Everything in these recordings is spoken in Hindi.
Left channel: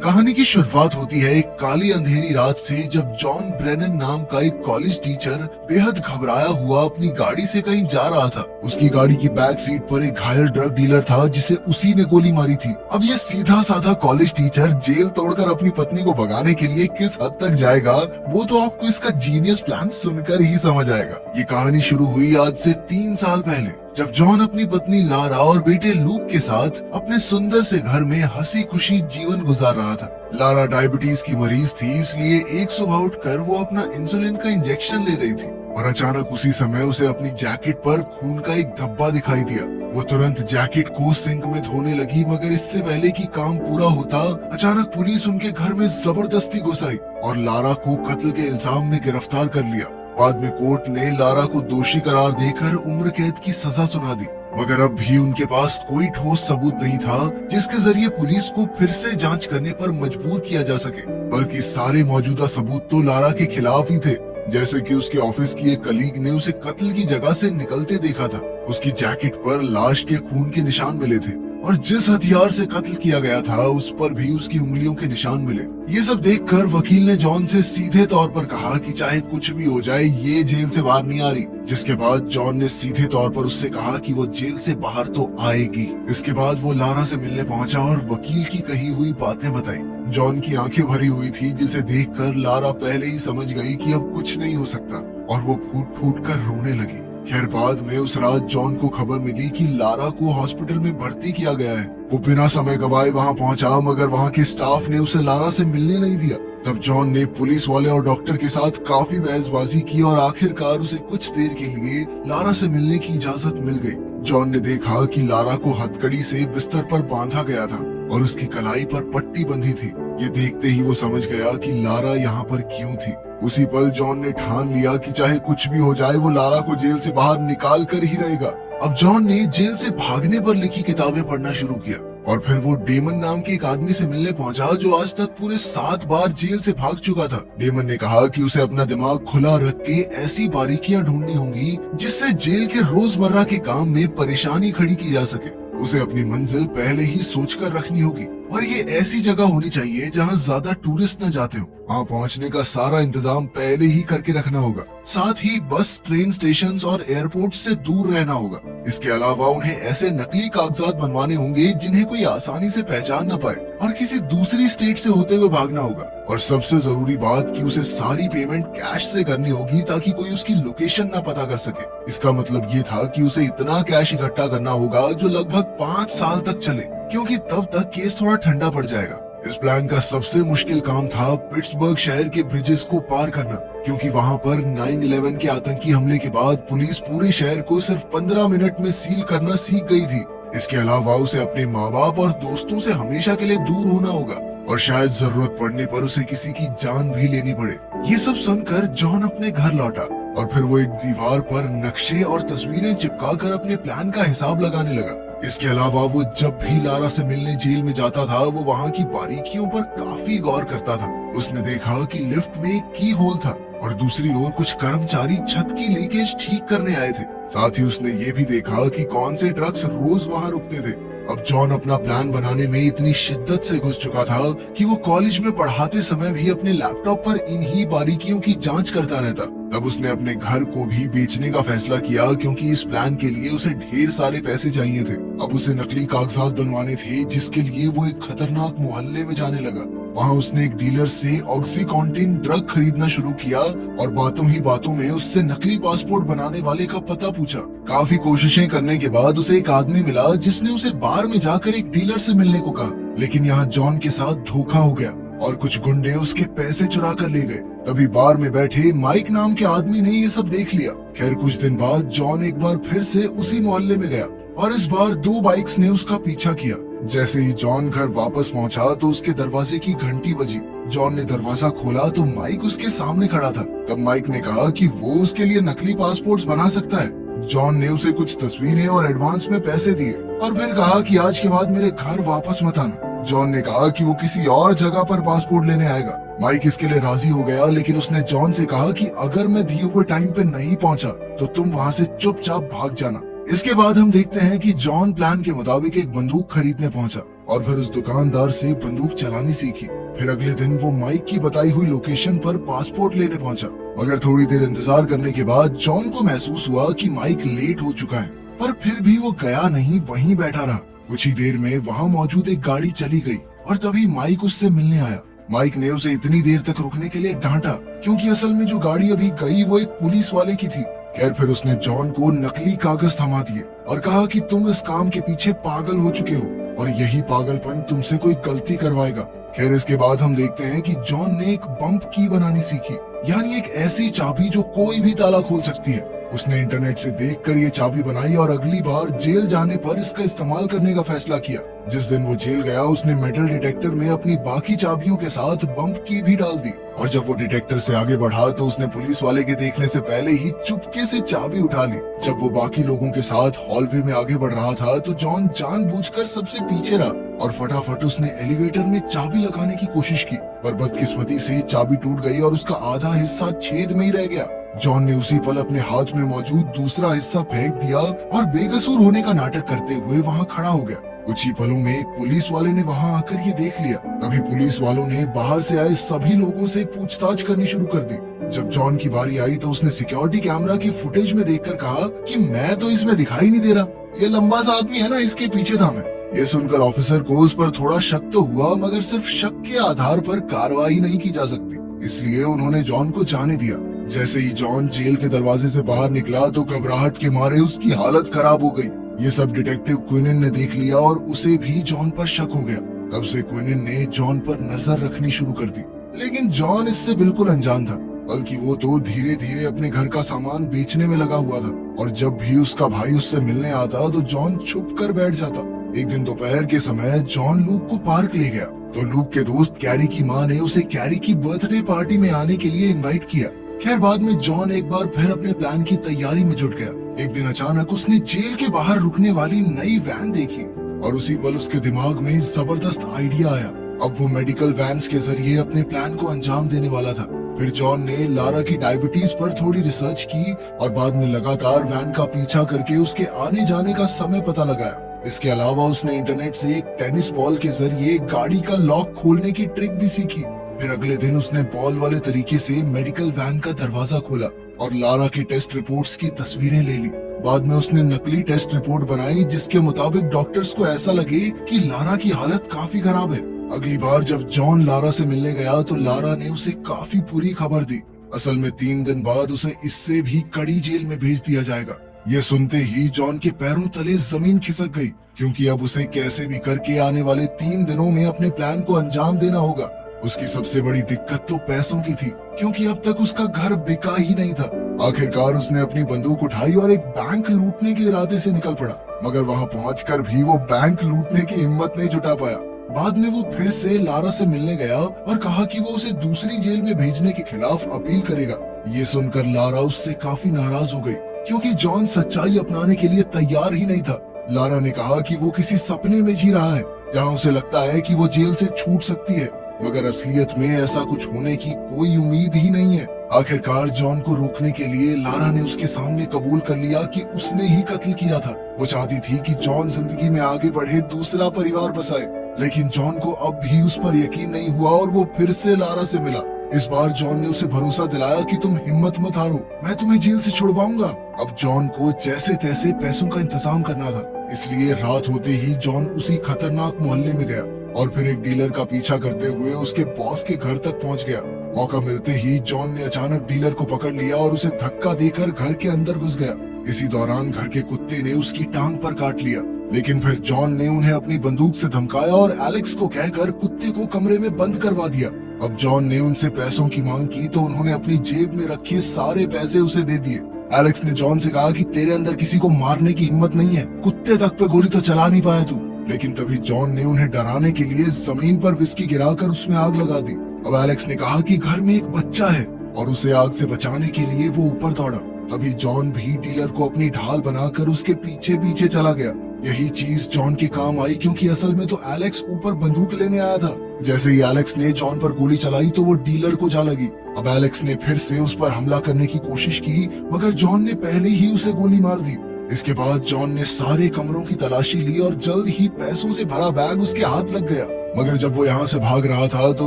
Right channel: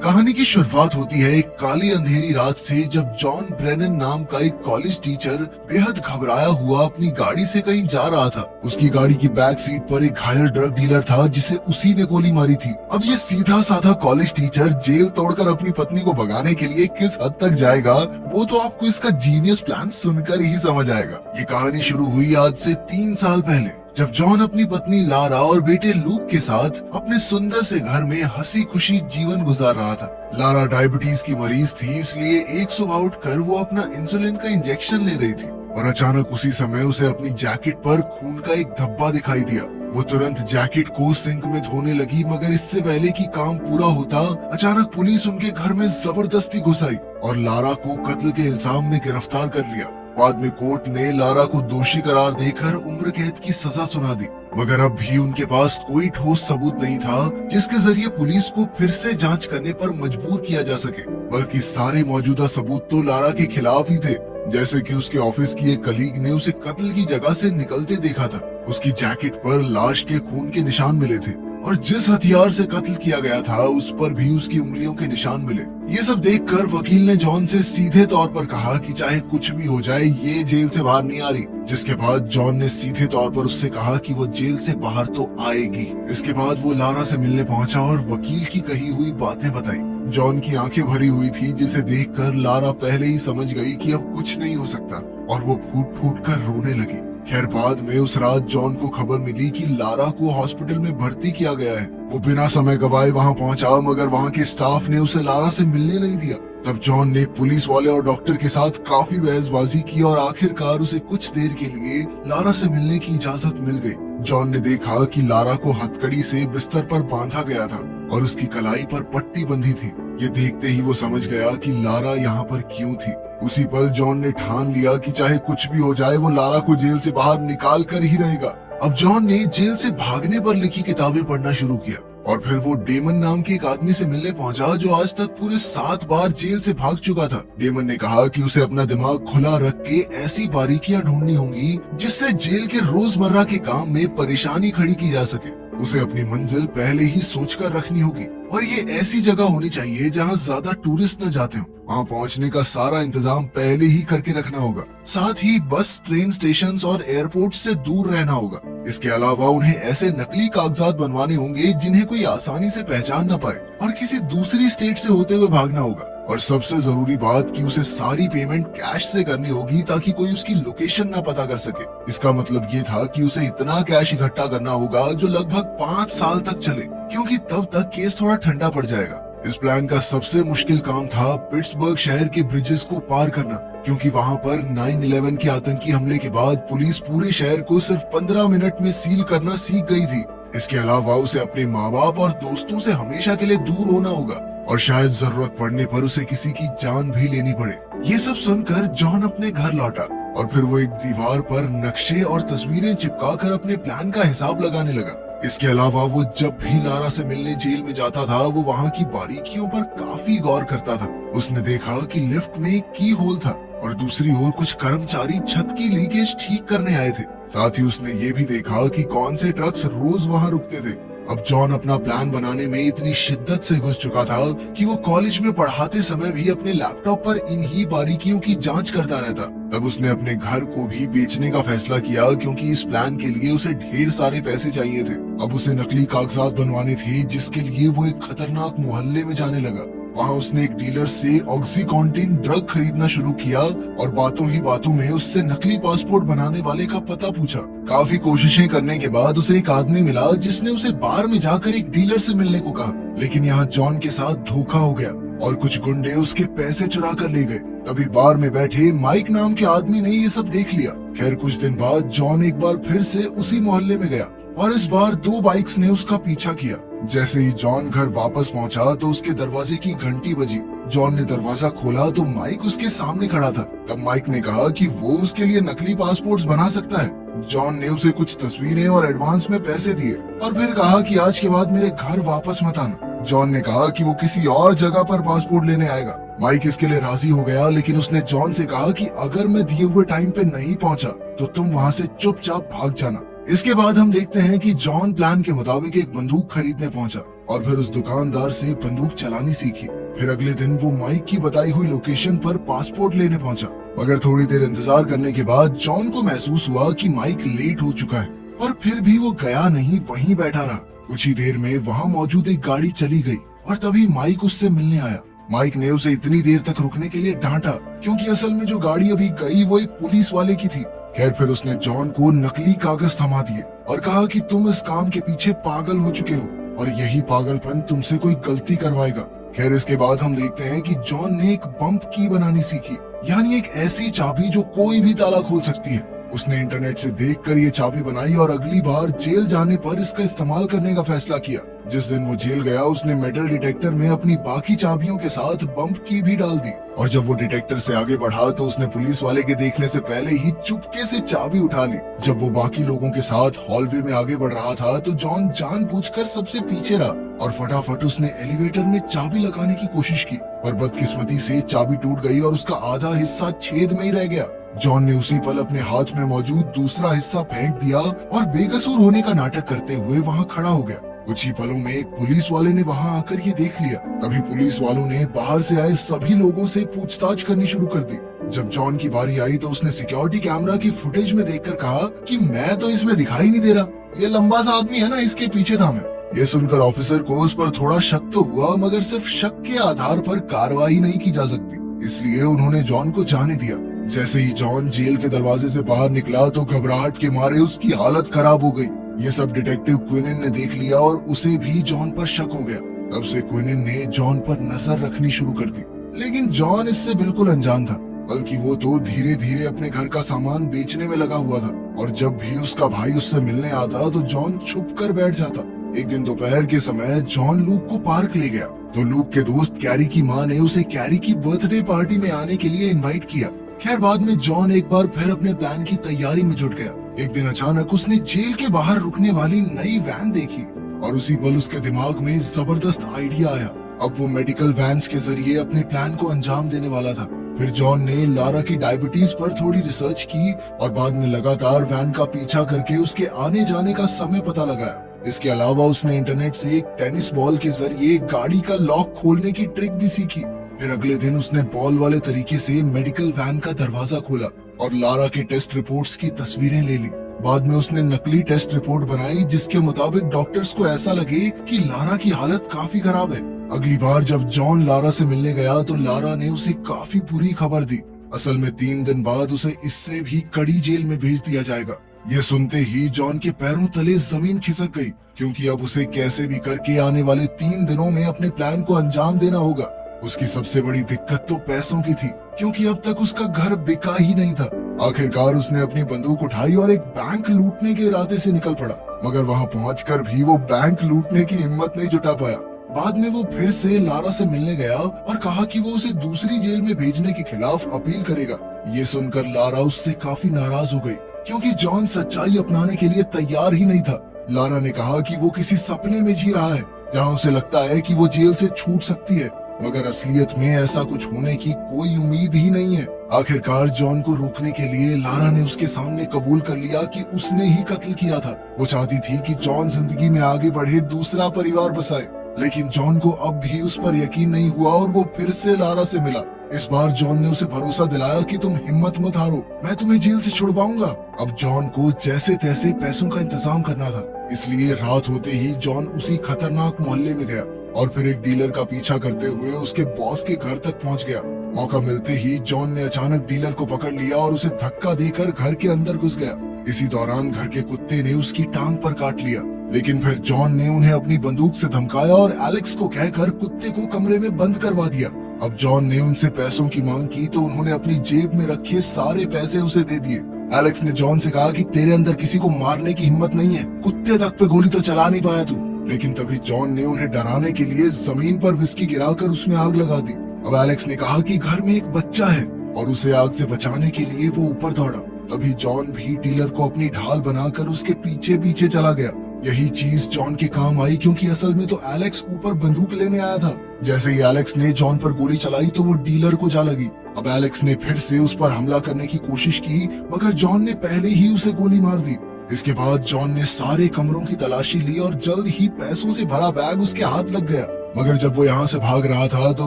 कहानी की शुरुआत होती है एक काली अंधेरी रात से, जब जॉन ब्रेनन नाम का एक कॉलेज टीचर बेहद घबराया हुआ अपनी गाड़ी से कहीं जा रहा था। उसकी गाड़ी की बैक सीट पर एक घायल ड्रग डीलर था जिसे उसी ने गोली मारी थी। अब ये सीधा साधा कॉलेज टीचर जेल तोड़कर अपनी पत्नी को भगाने के लिए किस हद तक जाएगा, वो तो आपको इसका जीनियस प्लान सुनकर ही समझ आएगा। ये कहानी शुरू हुई आज से 3 साल पहले, जब जॉन अपनी पत्नी लारा और बेटे लूक के साथ अपने सुंदर से घर में हंसी खुशी जीवन गुजार रहा था। लारा डायबिटीज की मरीज थी, इसलिए एक सुबह उठकर वो अपना इंसुलिन का इंजेक्शन ले रही थी और अचानक उसी समय उसे अपनी जैकेट पर खून का एक धब्बा दिखाई दिया। वो तुरंत जैकेट को सिंक में धोने लगी, मगर इससे पहले कि काम पूरा होता, अचानक पुलिस उनके घर में जबरदस्ती घुस आई और लारा को कत्ल के इल्जाम में गिरफ्तार कर लिया। बाद में कोर्ट ने लारा को दोषी करार देकर उम्र कैद की सजा सुना दी, मगर अब भी उनके पास कोई ठोस सबूत नहीं था जिसके जरिए पुलिस को फिर से जांच करने पर मजबूर किया जा सके। बल्कि सारे मौजूदा सबूत तो लारा के खिलाफ ही थे, जैसे कि उसके ऑफिस की एक कलीग ने उसे कत्ल की जगह से निकलते देखा था। उसकी जैकेट पर लाश के खून के निशान मिले थे और जिस हथियार से कत्ल किया गया था उस पर भी उसकी उंगलियों के निशान मिले। ये सब देखकर वकील ने जॉन से सीधे तौर पर कहा कि चाहे कुछ भी हो जाए, ये जेल से बाहर नहीं आ रही। जिसके बाद जॉन ने सीधे तौर पर उससे कहा कि वो जेल से बाहर तो आएगी। इसके बाद वो लारा से मिलने पहुंचा और वकील की कही हुई बातें बताई। जॉन की आंखें भरी हुई थी, जिसे देखकर लारा पहले ही समझ गई कि अब कुछ नहीं हो सकता और वो फूट फूट कर रोने लगी। खैर, बाद में उस रात जॉन को खबर मिली कि लारा को हॉस्पिटल में भर्ती किया गया है। वो बिना समय गवाए वहां पहुंचा, मगर वहां के स्टाफ ने उसे लारा से मिलने नहीं दिया। तब जॉन ने पुलिस वाले और डॉक्टर के साथ काफी बहसबाजी की और आखिरकार उसे कुछ देर के लिए लारा से मिलने की इजाजत मिल गई। जॉन ने देखा कि लारा को हथकड़ी से बिस्तर पर बांधा गया था और उसकी कलाई पर पट्टी बंधी थी। ये देखते ही वो समझ गया कि लारा यहाँ पर क्यों थी। उसी पल जॉन ने ठान लिया कि चाहे कुछ भी हो जाए, वो लारा को जेल से बाहर निकाल कर ही रहेगा। अब जॉन ने जेल से भागने पर लिखी किताबें पढ़ना शुरू किया और फिर वो डेमन नाम के एक आदमी से मिलने पहुंचा जो आज तक पूरे 7 बार जेल से भाग चुका था। डेमन ने कहा कि उसे अपना दिमाग खुला रख के ऐसी बारीकियां ढूंढनी होंगी जिससे जेल के रोजमर्रा के काम में परेशानी खड़ी की जा सके। उसे अपनी मंजिल पहले ही सोचकर रखनी होगी और ये ऐसी जगह होनी चाहिए जहाँ ज्यादा टूरिस्ट न जाते हो। वहाँ पहुँचने का सारा इंतजाम पहले ही करके रखना होगा। साथ ही बस, ट्रेन स्टेशन और एयरपोर्ट से दूर रहना होगा। इसके अलावा उन्हें ऐसे नकली कागजात बनवाने होंगे जिन्हें कोई आसानी से पहचान न पाए और किसी दूसरी स्टेट से होते हुए भागना होगा। और सबसे जरूरी बात कि उसे सारी पेमेंट कैश से करनी होगी ताकि कोई उसकी लोकेशन ना पता कर सके। इसका मतलब ये था कि उसे इतना कैश इकट्ठा करना होगा जो लगभग 5 साल तक चले, क्योंकि तब तक केस थोड़ा ठंडा पड़ जाएगा। इस प्लान का सबसे मुश्किल काम था पिट्सबर्ग शहर के ब्रिजेस को पार करना, क्योंकि वहाँ पर 9/11 के आतंकी हमले के बाद पुलिस पूरे शहर को सिर्फ 15 मिनट में सील करना सीख गई थी। इसके अलावा उसे अपने माँ बाप और दोस्तों से हमेशा के लिए दूर होना होगा और शायद जरूरत पड़ने पर उसे किसी की जान भी लेनी पड़े। ये सब सुनकर जॉन अपने घर लौटा और फिर वो एक दीवार पर नक्शे और तस्वीरें चिपकाकर अपने प्लान का हिसाब लगाने लगा। इसके अलावा वो जब भी लारा से मिलने जेल में जाता था, वो वहाँ की बारीकियों पर काफी गौर करता था। उसने देखा कि लिफ्ट में एक की होल था और दूसरी ओर कुछ कर्मचारी छत की लीकेज ठीक करने आए थे। साथ ही उसने ये भी देखा कि कौन से ट्रक्स रोज वहाँ रुकते थे। अब जॉन अपना प्लान बनाने में इतनी शिद्दत से घुस चुका था कि वो कॉलेज में पढ़ाते समय भी अपने लैपटॉप पर इन्हीं बारीकियों की जांच करता रहता। तब उसने अपने घर को भी बेचने का फैसला किया, क्योंकि इस प्लान के लिए उसे ढेर सारे पैसे चाहिए थे। अब उसे नकली कागजात बनवाने थे, जिसके लिए वो एक खतरनाक मोहल्ले में जाने लगा। वहाँ उसने एक डीलर से ऑक्सीकॉन्टिन ड्रग खरीदना शुरू किया और बातों ही बातों में उससे नकली पासपोर्ट बनाने वाले का पता पूछा। काफी कोशिशें करने के बाद उसे एक आदमी मिला जिसने उसे बार में जाकर एक डीलर से मिलने को कहा, लेकिन यहाँ जॉन के साथ धोखा हो गया और कुछ गुंडे उसके पैसे चुरा कर ले गए। तभी बार में बैठे माइक नाम के आदमी ने ये सब देख लिया। खैर, कुछ दिन बाद जॉन एक बार फिर से उसी मोहल्ले में गया और इस बार 2 बाइक्स ने उसका पीछा किया। जैसे ही जॉन घर वापस पहुंचा तो उसके दरवाजे की घंटी बजी। जॉन ने दरवाजा खोला तो माइक उसके सामने खड़ा था। तब माइक ने कहा कि वो उसके लिए नकली पासपोर्ट्स बना सकता है। जॉन ने उसे कुछ तस्वीरें और एडवांस में पैसे दिए और फिर कहा कि आज के बाद मेरे घर वापस मत आना। जॉन ने कहा कि वो किसी और जगह पर पासपोर्ट लेने आएगा। माइक इसके लिए राजी हो गया, लेकिन उसने जॉन से कहा कि अगर मैं दिए हुए टाइम पे नहीं पहुंचा तो तुम वहाँ से चुपचाप भाग जाना। इसके बाद हम देखते हैं कि जॉन प्लान के मुताबिक एक बंदूक खरीदने पहुंचा और फिर उस दुकानदार से बंदूक चलानी सीखी। फिर अगले दिन वो माइक की बताई हुई लोकेशन पर पासपोर्ट लेने पहुंचा, मगर थोड़ी देर इंतजार करने के बाद जॉन को महसूस हुआ कि माइक लेट हो चुका है, पर फिर भी वो गया नहीं, वहीं बैठा रहा। कुछ ही देर में वहाँ मौजूद एक गाड़ी चली गई और तभी माइक उससे मिलने आया। माइक ने उसे इतनी देर तक रुकने के लिए डांटा क्योंकि असल में जो गाड़ी अभी गई वो एक पुलिस वाले की थी। खैर फिर उसने जॉन को नकली कागज थमा दिए और कहा कि तुम इस काम के पीछे पागल हो चुके हो और यही पागलपन तुमसे कोई गलती करवाएगा। खैर इसके बाद हम देखते हैं कि जॉन ने एक बम्प की बनानी सीखी, यानी एक ऐसी चाबी जो कोई भी ताला खोल सकती है। उसने इंटरनेट से देखकर ये चाबी बनाई और अगली बार जेल जाने पर इसका इस्तेमाल करने का फैसला किया। जिस दिन वो जेल गया उसने मेटल डिटेक्टर में अपनी बाकी चाबियों के साथ बम्प की भी डाल दी और जब वो डिटेक्टर से आगे बढ़ा तो उसने पुलिस वाले के देखने से पहले ही चुपके से चाबी उठा ली। जब वो बाकी लोगों के साथ हॉलवे में आगे बढ़ रहा था तो जॉन जानबूझकर सबसे पीछे रहा और फटाफट उसने एलिवेटर में चाबी लगाने की कोशिश की, पर बदकिस्मती से चाबी टूट गई और उसका आधा हिस्सा छेद में ही रह गया। जॉन ने उसी पल अपने हाथ में मौजूद दूसरा हिस्सा फेंक दिया और बेकसूर होने का नाटक करते हुए वहाँ खड़ा हो गया। कुछ ही पलों में एक पुलिस वाले ने वहाँ आकर ये देख लिया। तभी पुलिस वालों ने बाहर से आए सभी लोगों से पूछताछ करनी शुरू कर दी। जब जॉन की बारी आई तो उसने सिक्योरिटी कैमरा की फुटेज में देखकर कहा कि मैं तो इसमें दिखाई नहीं दे रहा, ये लंबा सा आदमी है ना, इसके पीछे था मैं। ये सुनकर ऑफिसर को उस पर थोड़ा शक तो हुआ, मगर सिर्फ शक के आधार पर कार्रवाई नहीं की जा सकती, इसलिए उन्होंने जॉन को जाने दिया। जैसे ही जॉन जेल के दरवाजे से बाहर निकला तो घबराहट के मारे उसकी हालत खराब हो गई। ये सब डिटेक्टिव क्विनिन ने देख लिया और उसे भी जॉन पर शक हो गया। तब से क्विनिन ने जॉन पर नजर रखनी शुरू कर दी, लेकिन जॉन इससे बिल्कुल अनजान था, बल्कि वो तो धीरे धीरे अपने घर का सामान बेचने में लगा हुआ था और जब भी उसका भाई उससे मिलने आता तो जॉन छुप कर बैठ जाता। एक दिन दोपहर के समय जॉन लूक को पार्क ले गया तो लूक के दोस्त कैरी की माँ ने उसे कैरी की बर्थडे पार्टी में आने के लिए इनवाइट किया। खैर बाद में जॉन एक बार फिर अपने प्लान की तैयारी में जुट गया। एक दिन अचानक उसने जेल के बाहर रुकने वाली नई वैन देखी और उसी पल उसके दिमाग में जबरदस्त आइडिया आया। अब वो मेडिकल वैन्स के जरिए अपने प्लान को अंजाम देने वाला था। फिर जॉन ने लारा की डायबिटीज पर थोड़ी रिसर्च की और बाद में लगातार वैन का पीछा करके उसके आने जाने का समय पता लगाया। इसके अलावा उसने इंटरनेट से एक टेनिस बॉल के जरिए गाड़ी का लॉक खोलने की ट्रिक भी सीखी। फिर अगले दिन उसने बॉल वाले तरीके से मेडिकल वैन का दरवाजा खोला और लारा के टेस्ट रिपोर्ट्स की तस्वीरें ले ली। बाद में उसने नकली टेस्ट रिपोर्ट बनाई जिसके मुताबिक डॉक्टर्स को ऐसा लगे कि लारा की हालत काफी खराब है। अगली बार जब जॉन लारा से मिलने गया तो लारा ने उसे काफी बुरी खबर दी। असल में 3 दिन बाद उसे इससे भी कड़ी जेल में भेज दिया जाएगा। ये सुनते ही जॉन के पैरों तले जमीन खिसक गई, क्योंकि अब उसे कैसे भी करके आने वाले 3 दिनों में अपने प्लान को अंजाम देना होगा। उसकी सबसे बड़ी दिक्कत तो पैसों की थी, क्योंकि अब तक उसका घर बिका ही नहीं था। आखिरकार उसने अपनी बंदूक उठाई और एक बैंक लूटने के इरादे से निकल पड़ा, मगर वहां पहुंचकर भी वो बैंक लूटने की हिम्मत नहीं जुटा पाया। बाद में वो फिर से लारा से मिलने गया और कहा कि वो उसे दूसरी जेल में भेजने के खिलाफ अपील करेगा। ये सुनकर लारा उससे काफी नाराज हो गई, क्योंकि जॉन सच्चाई अपनाने के लिए तैयार ही नहीं था। लारा ने कहा कि वो किसी सपने में जी रहा है, जहाँ उसे लगता है कि वो जेल से छूट सकती है, मगर असलियत में ऐसा कुछ होने की कोई उम्मीद ही नहीं है। आखिरकार जॉन को रोकने के लिए लारा ने उसके सामने कबूल कर लिया कि उसने ही कत्ल किया था। वो चाहती थी कि जॉन जिंदगी में आगे बढ़े, दूसरा परिवार बसाए, लेकिन जॉन को अब भी उस पर यकीन नहीं हुआ और वो फिर से लारा से मिला। इस बार जॉन ने उसे भरोसा दिलाया कि तुम हिम्मत मत हारो, मैं तुम्हें जेल से छुड़वाऊंगा। अब जॉन को जैसे तैसे पैसों का इंतजाम करना था, इसलिए रात होते ही जॉन उसी खतरनाक मोहल्ले में गया और फिर एक डीलर का पीछा करते हुए उसके बॉस के घर तक पहुंच गया। मौका मिलते ही जॉन ने अचानक डीलर को पकड़ लिया और उसे धक्का देकर घर के अंदर घुस गया। इसी दौरान घर के कुत्ते ने उसकी टांग पर काट लिया, लेकिन फिर जॉन ने उन्हें अपनी बंदूक से धमकाया और एलेक्स को कहकर कुत्ते को कमरे में बंद करवा दिया। अब जॉन ने उनसे पैसों की मांग की तो उन्होंने अपनी जेब में रखे सारे पैसे उसे दे दिए। एलेक्स ने जॉन से कहा कि तेरे अंदर किसी को मारने की हिम्मत नहीं है, कुत्ते तक पे गोली तो चला नहीं पाया तू। लेकिन तभी जॉन ने उन्हें डराने के लिए जमीन पर विस्की गिराकर उसमें आग लगा दी। अब एलेक्स ने कहा कि घर में एक बच्चा है और उसे आग से बचाने के लिए वो ऊपर दौड़ा। तभी जॉन भी डीलर को अपनी ढाल बनाकर उसके पीछे पीछे चला गया। यही चीज जॉन के काम आई, क्योंकि असल में तो एलेक्स ऊपर बंदूक लेने आया था। जैसे ही एलेक्स ने जॉन पर गोली चलाई तो वो डीलर को जा लगी। अब एलेक्स ने फिर से उस पर हमला करने की कोशिश की, मगर जॉन ने पहले ही उसे गोली मार दी। इसके बाद जॉन ने सारे कमरों की तलाशी ली और जल्द ही पैसों से भरा बैग उसके हाथ लग गया। मगर जब वो यहाँ से भाग रहा था तो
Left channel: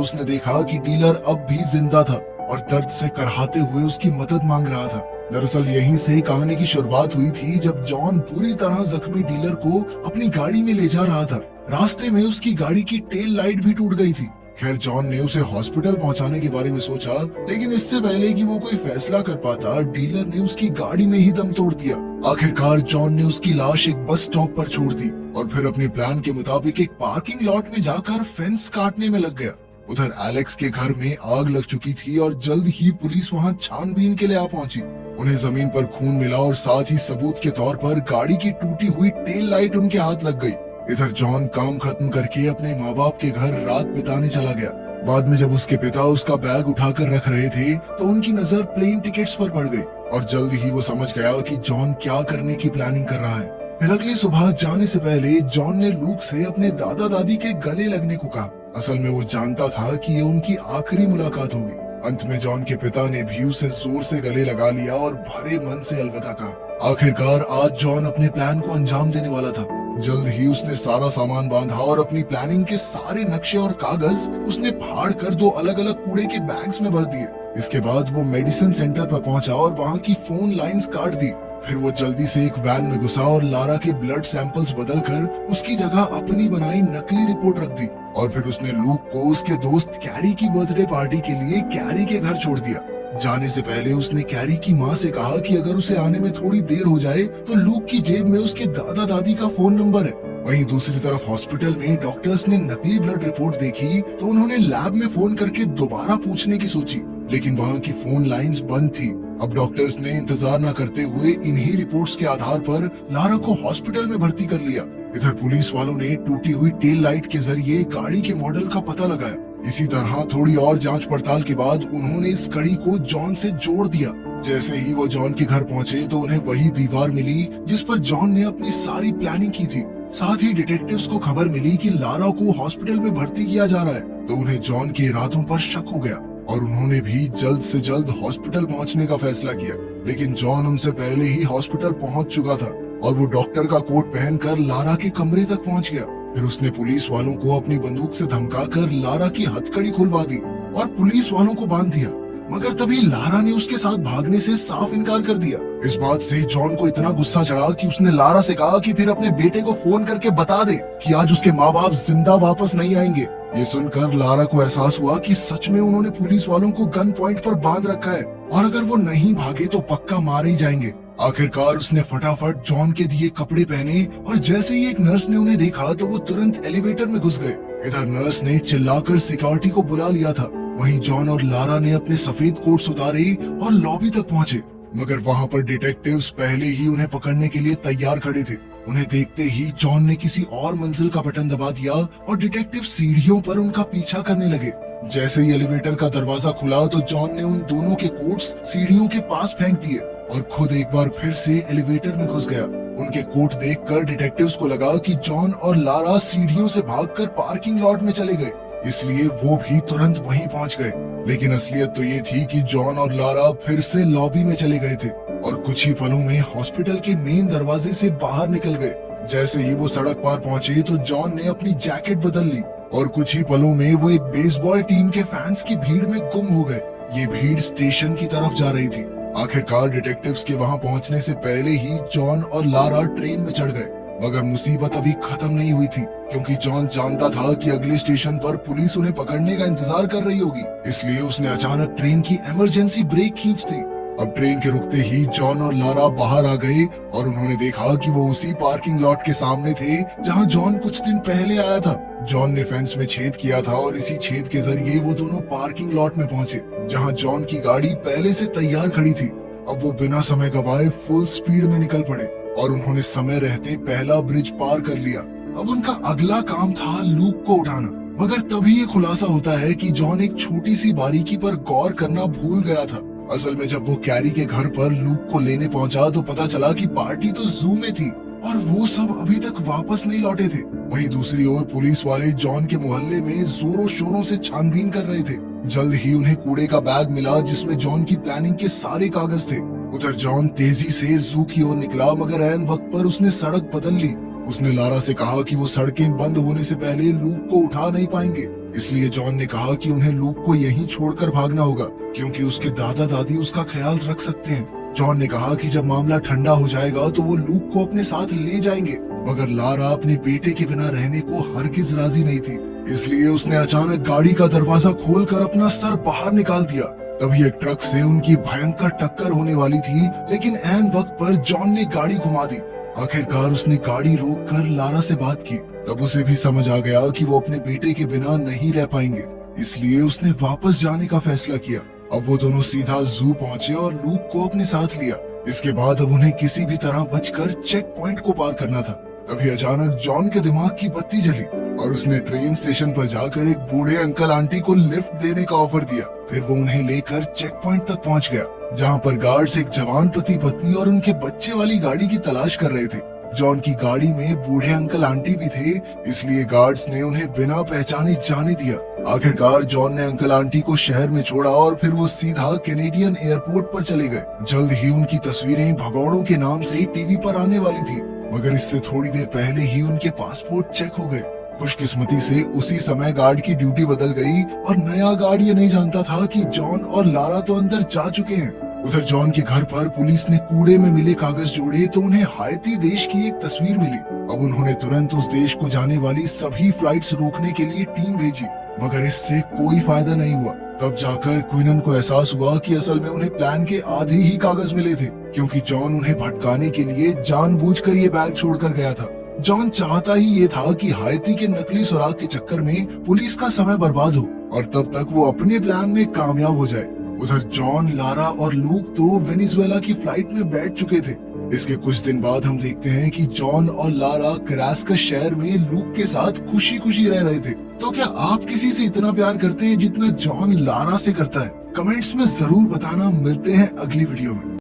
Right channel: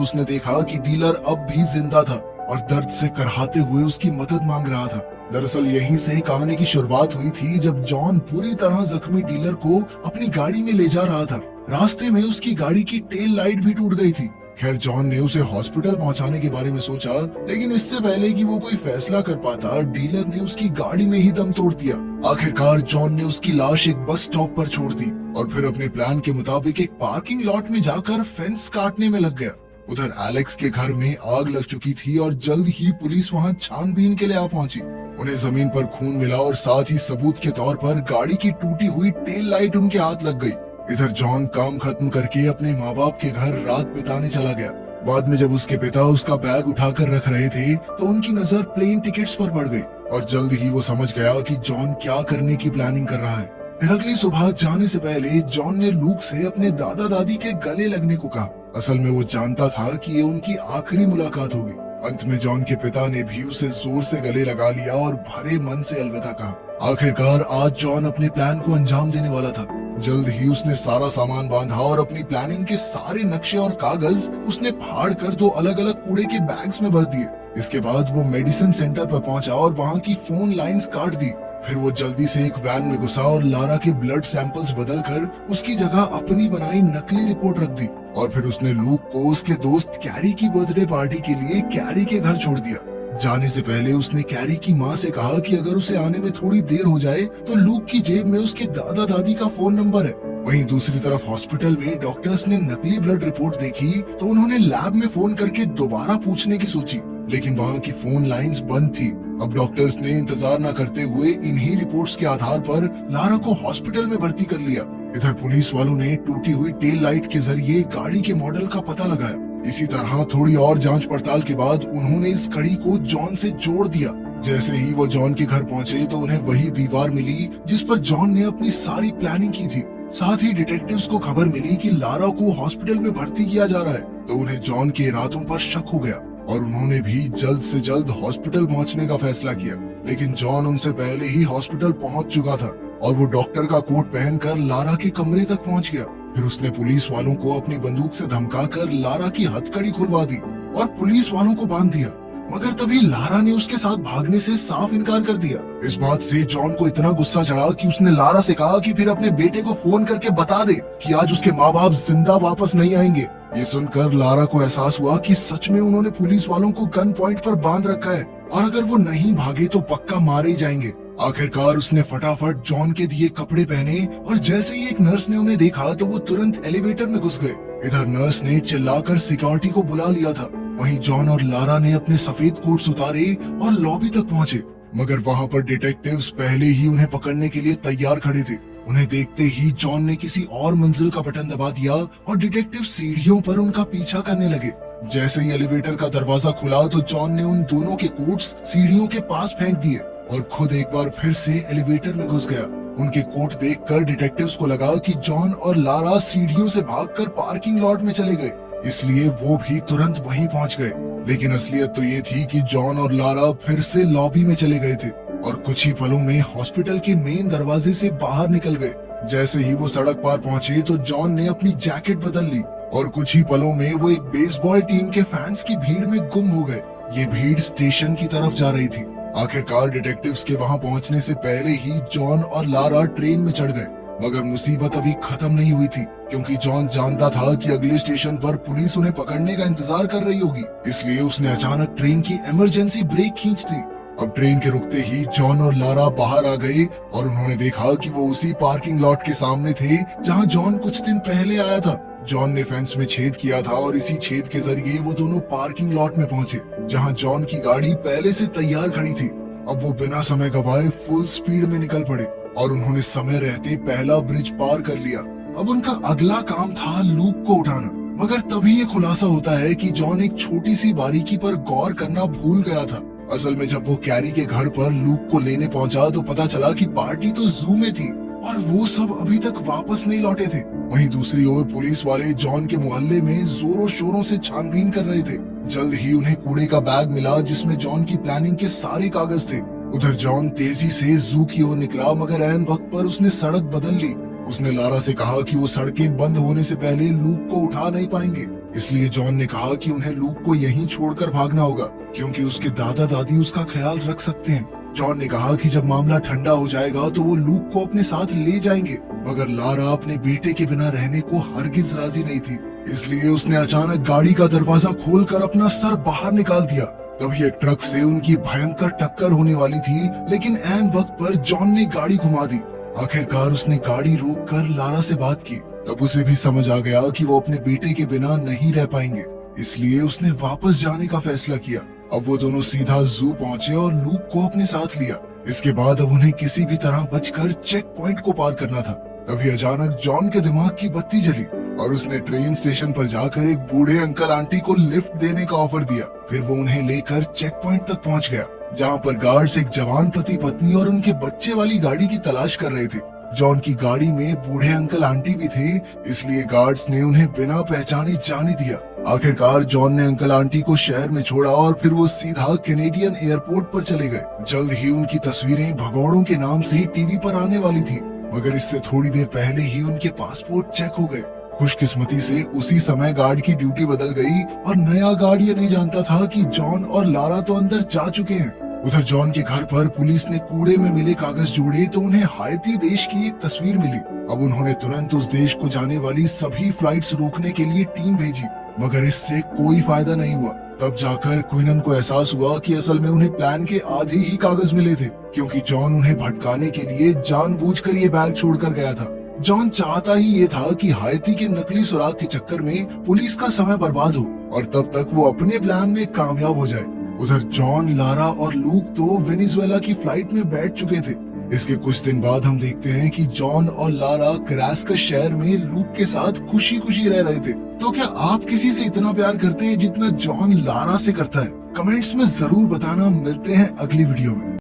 उसने देखा कि डीलर अब भी जिंदा था और दर्द से करहाते हुए उसकी मदद मांग रहा था। दरअसल यहीं से कहानी की शुरुआत हुई थी, जब जॉन पूरी तरह जख्मी डीलर को अपनी गाड़ी में ले जा रहा था। रास्ते में उसकी गाड़ी की टेल लाइट भी टूट गई थी। खैर, जॉन ने उसे हॉस्पिटल पहुंचाने के बारे में सोचा, लेकिन इससे पहले कि वो कोई फैसला कर पाता, डीलर ने उसकी गाड़ी में ही दम तोड़ दिया। आखिरकार जॉन ने उसकी लाश एक बस स्टॉप पर छोड़ दी और फिर अपने प्लान के मुताबिक एक पार्किंग लॉट में जाकर फेंस काटने में लग गया। उधर एलेक्स के घर में आग लग चुकी थी और जल्द ही पुलिस वहां छानबीन के लिए आ पहुंची। उन्हें जमीन पर खून मिला और साथ ही सबूत के तौर पर गाड़ी की टूटी हुई टेल लाइट उनके हाथ लग गई। इधर जॉन काम खत्म करके अपने माँ बाप के घर रात बिताने चला गया। बाद में जब उसके पिता उसका बैग उठाकर रख रहे थे तो उनकी नजर प्लेन टिकट्स पर पड़ गई और जल्द ही वो समझ गया कि जॉन क्या करने की प्लानिंग कर रहा है। फिर अगली सुबह जाने से पहले जॉन ने लूक से अपने दादा दादी के गले लगने को कहा। असल में वो जानता था कि ये उनकी आखिरी मुलाकात होगी। अंत में जॉन के पिता ने भी उसे जोर से गले लगा लिया और भरे मन से अलविदा कहा। आखिरकार आज जॉन अपने प्लान को अंजाम देने वाला था। जल्द ही उसने सारा सामान बांधा और अपनी प्लानिंग के सारे नक्शे और कागज उसने फाड़ कर 2 अलग अलग कूड़े के बैग्स में भर दिए। इसके बाद वो मेडिसिन सेंटर पर पहुंचा और वहां की फोन लाइंस काट दी। फिर वो जल्दी से एक वैन में घुसा और लारा के ब्लड सैंपल्स बदलकर उसकी जगह अपनी बनाई नकली रिपोर्ट रख दी और फिर उसने लूक को उसके दोस्त कैरी की बर्थडे पार्टी के लिए कैरी के घर छोड़ दिया। जाने से पहले उसने कैरी की माँ से कहा कि अगर उसे आने में थोड़ी देर हो जाए तो लूक की जेब में उसके दादा दादी का फोन नंबर है। वहीं दूसरी तरफ हॉस्पिटल में डॉक्टर्स ने नकली ब्लड रिपोर्ट देखी तो उन्होंने लैब में फोन करके दोबारा पूछने की सोची, लेकिन वहाँ की फोन लाइंस बंद थी। अब डॉक्टर्स ने इंतजार न करते हुए इन्हीं रिपोर्ट्स के आधार पर लारा को हॉस्पिटल में भर्ती कर लिया। इधर पुलिस वालों ने टूटी हुई टेल लाइट के जरिए गाड़ी के मॉडल का पता लगाया। इसी तरह थोड़ी और जांच पड़ताल के बाद उन्होंने इस कड़ी को जॉन से जोड़ दिया। जैसे ही वो जॉन के घर पहुंचे तो उन्हें वही दीवार मिली जिस पर जॉन ने अपनी सारी प्लानिंग की थी। साथ ही डिटेक्टिव्स को खबर मिली कि लारा को हॉस्पिटल में भर्ती किया जा रहा है, तो उन्हें जॉन के इरादों पर शक हो गया और उन्होंने भी जल्द से जल्द हॉस्पिटल पहुंचने का फैसला किया। लेकिन जॉन उनसे पहले ही हॉस्पिटल पहुंच चुका था और वो डॉक्टर का कोट पहनकर लारा के कमरे तक पहुंच गया। फिर उसने पुलिस वालों को अपनी बंदूक से धमकाकर लारा की हथकड़ी खुलवा दी और पुलिस वालों को बांध दिया। मगर तभी लारा ने उसके साथ भागने से साफ इनकार कर दिया। इस बात से जॉन को इतना गुस्सा चढ़ा कि उसने लारा से कहा कि फिर अपने बेटे को फोन करके बता दे कि आज उसके माँ बाप जिंदा वापस नहीं आएंगे। ये सुनकर लारा को एहसास हुआ कि सच में उन्होंने पुलिस वालों को गन पॉइंट पर बांध रखा है और अगर वो नहीं भागे तो पक्का मारे ही जाएंगे। आखिरकार उसने फटाफट जॉन के दिए कपड़े पहने और जैसे ही एक नर्स ने उन्हें देखा तो वो तुरंत एलिवेटर में घुस गए। इधर नर्स ने चिल्लाकर सिक्योरिटी को बुला लिया था। वहीं जॉन और लारा ने अपने सफेद कोट्स उतारे और लॉबी तक पहुंचे, मगर वहां पर डिटेक्टिव्स पहले ही उन्हें पकड़ने के लिए तैयार खड़े थे। उन्हें देखते ही जॉन ने किसी और मंजिल का बटन दबा दिया और डिटेक्टिव सीढ़ियों पर उनका पीछा करने लगे। जैसे ही एलिवेटर का दरवाजा खुला तो जॉन ने उन दोनों के कोट्स सीढ़ियों के पास फेंक दिए और खुद एक बार फिर से एलिवेटर में घुस गया। उनके कोट देखकर डिटेक्टिव्स को लगा कि जॉन और लारा सीढ़ियों से भागकर पार्किंग लॉट में चले गए, इसलिए वो भी तुरंत वहीं पहुंच गए। लेकिन असलियत तो ये थी कि जॉन और लारा फिर से लॉबी में चले गए थे और कुछ ही पलों में हॉस्पिटल के मेन दरवाजे से बाहर निकल गए। जैसे ही वो सड़क पार पहुंचे तो जॉन ने अपनी जैकेट बदल ली और कुछ ही पलों में वो एक बेसबॉल टीम के फैंस की भीड़ में गुम हो गए। ये भीड़ स्टेशन की तरफ जा रही थी। आखिरकार डिटेक्टिव्स के वहां पहुंचने से पहले ही जॉन और लारा ट्रेन में चढ़ गए, मगर मुसीबत अभी खत्म नहीं हुई थी, क्योंकि जॉन जानता था कि अगले स्टेशन पर पुलिस उन्हें पकड़ने का इंतजार कर रही होगी। इसलिए उसने अचानक ट्रेन की इमरजेंसी ब्रेक खींच दी। अब ट्रेन के रुकते ही जॉन और लारा बाहर आ गए और उन्होंने देखा कि वो उसी पार्किंग लॉट के सामने थे जहां जॉन कुछ दिन पहले आया था। जॉन ने फेंस में छेद किया था और इसी छेद के जरिए वो दोनों पार्किंग लॉट में पहुंचे, जहां जॉन की गाड़ी पहले से तैयार खड़ी थी। अब वो बिना समय गवाए फुल स्पीड में निकल पड़े और उन्होंने समय रहते पहला ब्रिज पार कर लिया। अब उनका अगला काम था लूक को उठाना, मगर तभी ये खुलासा होता है कि जॉन एक छोटी सी बारीकी पर गौर करना भूल गया था। असल में जब वो कैरी के घर पर लूक को लेने पहुंचा तो पता चला कि पार्टी तो जू में थी और वो सब अभी तक वापस नहीं लौटे थे। वहीं दूसरी ओर पुलिस वाले जॉन के मोहल्ले में जोरों शोरों से छानबीन कर रहे थे। जल्द ही उन्हें कूड़े का बैग मिला जिसमें जॉन की प्लानिंग के सारे कागज थे। उधर जॉन तेजी से जू की ओर निकला, मगर ऐन वक्त पर उसने सड़क बदल ली। उसने लारा से कहा कि वो सड़कें बंद होने से पहले लूक को उठा नहीं पाएंगे, इसलिए जॉन ने कहा कि उन्हें लूक को यहीं छोड़कर भागना होगा, क्योंकि उसके दादा दादी उसका ख्याल रख सकते हैं। जॉन ने कहा कि जब मामला ठंडा हो जाएगा तो वो लूक को अपने साथ ले जाएंगे, मगर लारा अपने बेटे के बिना रहने को हरगिज राजी नहीं थी, इसलिए उसने अचानक गाड़ी का दरवाजा खोलकर अपना सर बाहर निकाल दिया। तभी एक ट्रक से उनकी भयंकर टक्कर होने वाली थी, लेकिन ऐन वक्त पर जॉन ने गाड़ी घुमा दी। आखिरकार उसने गाड़ी रोककर लारा से बात की। तब उसे भी समझ आ गया कि वो अपने बेटे के बिना नहीं रह पाएंगे, इसलिए उसने वापस जाने का फैसला किया। अब वो दोनों सीधा जू पहुंचे और लूक को अपने साथ लिया। इसके बाद अब उन्हें किसी भी तरह बचकर चेक पॉइंट को पार करना था। तभी अचानक जॉन के दिमाग की बत्ती जली और उसने ट्रेन स्टेशन पर जाकर एक बूढ़े अंकल आंटी को लिफ्ट देने का ऑफर दिया। फिर वो उन्हें लेकर चेक पॉइंट तक पहुंच गया, जहां पर गार्ड्स एक जवान पति पत्नी और उनके बच्चे वाली गाड़ी की तलाश कर रहे थे। जॉन की गाड़ी में बूढ़े अंकल आंटी भी थे, इसलिए गार्ड्स ने उन्हें बिना पहचाने जाने दिया। आखिरकार जॉन ने अंकल आंटी को शहर में छोड़ा और फिर वो सीधा कैनेडियन एयरपोर्ट पर चले गए। जल्द ही उनकी तस्वीरें भगौड़ों के नाम से टीवी पर आने वाली थी, मगर इससे थोड़ी देर पहले ही उनके पासपोर्ट चेक हो गए। खुशकिस्मती से उसी समय गार्ड की ड्यूटी बदल गई और नया गार्ड ये नहीं जानता था कि जॉन और लारा तो अंदर जा चुके हैं। उधर जॉन के घर पर पुलिस ने कूड़े में मिले कागज जोड़े तो उन्हें हाइती देश की एक तस्वीर मिली। अब उन्होंने तुरंत उस देश को जाने वाली सभी फ्लाइट्स रोकने के लिए टीम भेजी, मगर इससे कोई फायदा नहीं हुआ। तब जाकर क्विनन को एहसास हुआ कि असल में उन्हें प्लान के आधे ही कागज मिले थे, क्योंकि जॉन उन्हें भटकाने के लिए जानबूझकर ये बैग छोड़कर गया था। जॉन चाहता ही ये था कि हाइती के नकली सुराग के चक्कर में पुलिस का समय बर्बाद हो और तब तक वो अपने प्लान में कामयाब हो जाए। उधर जॉन, लारा और लूक तो वेनेजुएला की फ्लाइट में बैठ चुके थे। इसके कुछ दिन बाद हम देखते हैं कि जॉन और लारा करास्कस शहर में लूक के साथ खुशी खुशी रह रहे थे। तो क्या आप किसी से इतना प्यार करते हैं जितना जॉन लारा से करता है? कमेंट्स में जरूर बताना। मिलते हैं अगली वीडियो में।